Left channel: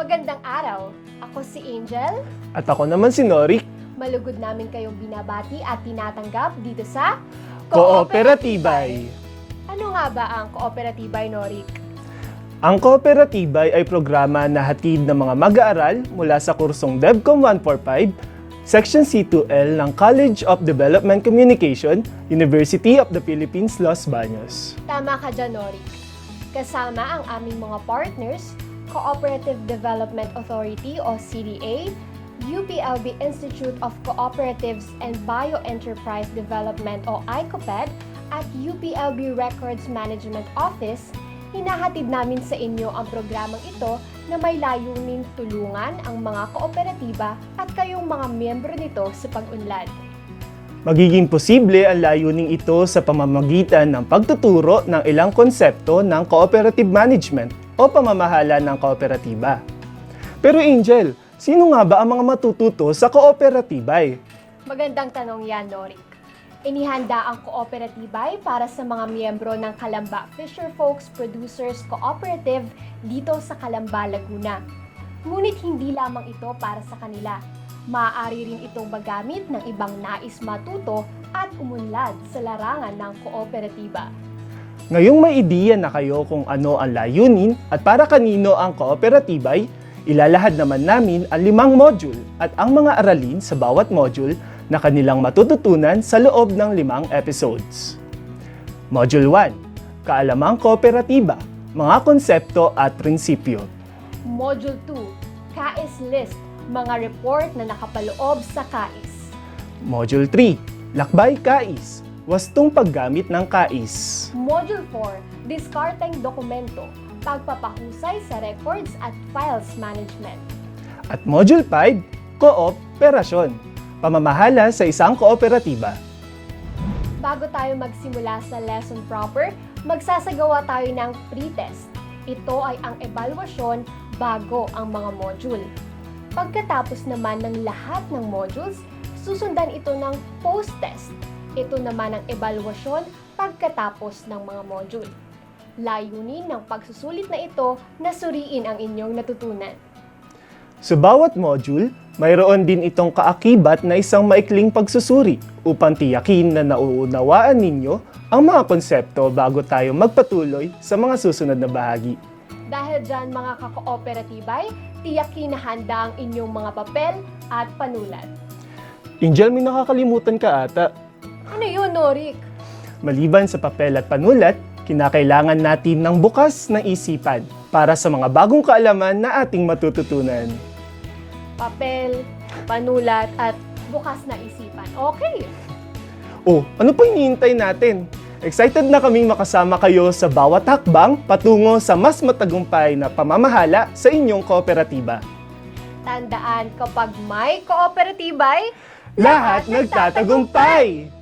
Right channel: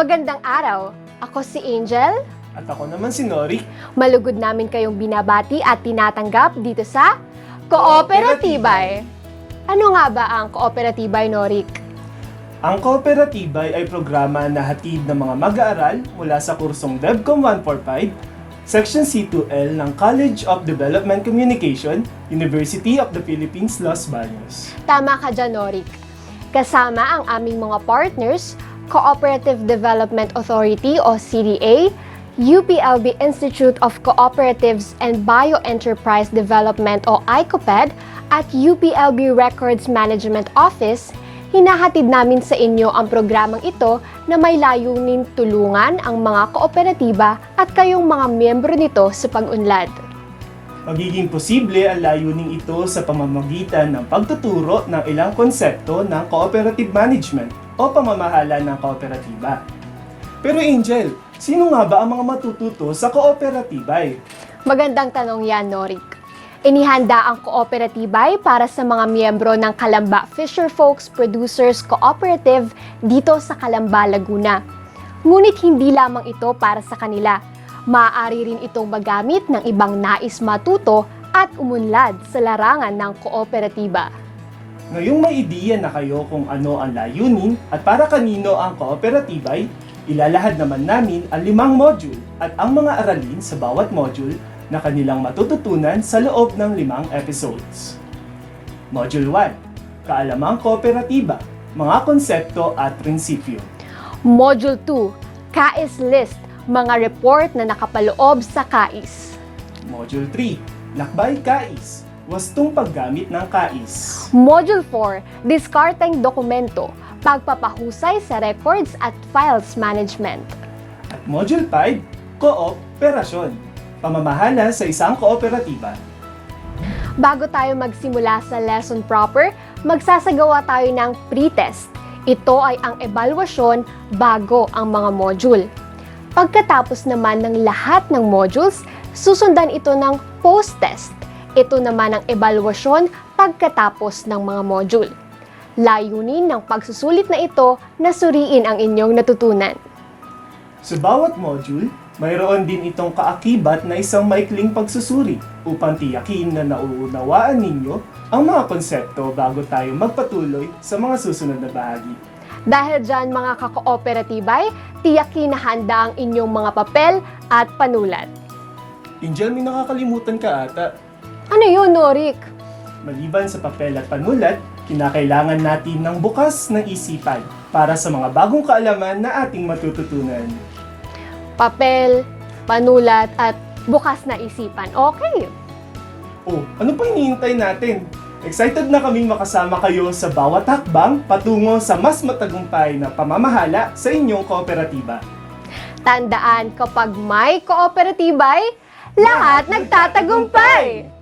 Magandang araw! Ako si Angel. At ako naman si Norik. Malugod namin kayong binabati at tinatanggap dito sa Kooperatibay. Ano nga ba ang Kooperatibay, Norik? Ang Kooperatibay ay programa na hatid ng mga mag-aaral mula sa kursong DevCom 145, Section C2L ng College of Development Communication, University of the Philippines, Los Baños. Tama ka dyan, Norik. Kasama ang aming mga partners, Cooperative Development Authority o CDA, UPLB Institute of Cooperatives and Bioenterprise Development o ICOPED, at UPLB Records Management Office. Hinahatid namin sa inyo ang programang ito na may layunin tulungan ang mga kooperatiba at kayong mga miyembro nito sa pag-unlad. Magiging posible ang layuning ito sa pamamagitan ng pagtuturo ng ilang konsepto ng cooperative management o pamamahala ng kooperatiba. Pero Angel, sino nga ba ang mga matututo sa Kooperatibay? Magandang tanong yan, Norik. Inihanda ang Kooperatibay para sa mga miyembro ng Calamba Fisherfolks Producers Cooperative dito sa Calamba, Laguna. Ngunit hindi lamang ito para sa kanila. Maaari rin itong magamit ng ibang nais matuto at umunlad sa larangan ng kooperatiba. Ngayong may ideya na kayo kung ano ang layunin at para kanino ang Kooperatibay, ilalahad naman namin ang 5 module at ang mga aralin sa bawat module na kanilang matututunan sa loob ng 5 episodes. Module 1, Kaalamang Kooperatiba, mga konsepto at prinsipyo. Module 2, KAIS List, mga report na nakapaloob sa KAIS. Module 3, Lakbay KAIS, wastong paggamit ng KAIS. Module 4, Diskarteng Dokumento, pagpapahusay sa records at files management. At Module 5, Kooperasyon, pamamahala sa isang kooperatiba. Bago tayo magsimula sa lesson proper, magsasagawa tayo ng pre-test. Ito ay ang ebalwasyon bago ang mga module. Pagkatapos naman ng lahat ng modules, susundan ito ng post-test. Ito naman ang ebalwasyon pagkatapos ng mga module. Layunin ng pagsusulit na ito na suriin ang inyong natutunan. Sa bawat module, mayroon din itong kaakibat na isang maikling pagsusuri upang tiyakin na nauunawaan ninyo ang mga konsepto bago tayo magpatuloy sa mga susunod na bahagi. Dahil dyan mga kakooperatibay, tiyakin na handa ang inyong mga papel at panulat. Angel, may nakakalimutan ka ata. Ano yun, Norik? Maliban sa papel at panulat, kinakailangan natin ng bukas ng isipan para sa mga bagong kaalaman na ating matututunan. Papel, panulat, at bukas na isipan. Okay. Oh, ano pa hinihintay natin? Excited na kaming makasama kayo sa bawat hakbang patungo sa mas matagumpay na pamamahala sa inyong kooperatiba. Tandaan, kapag may kooperatibay, lahat nagtatagumpay!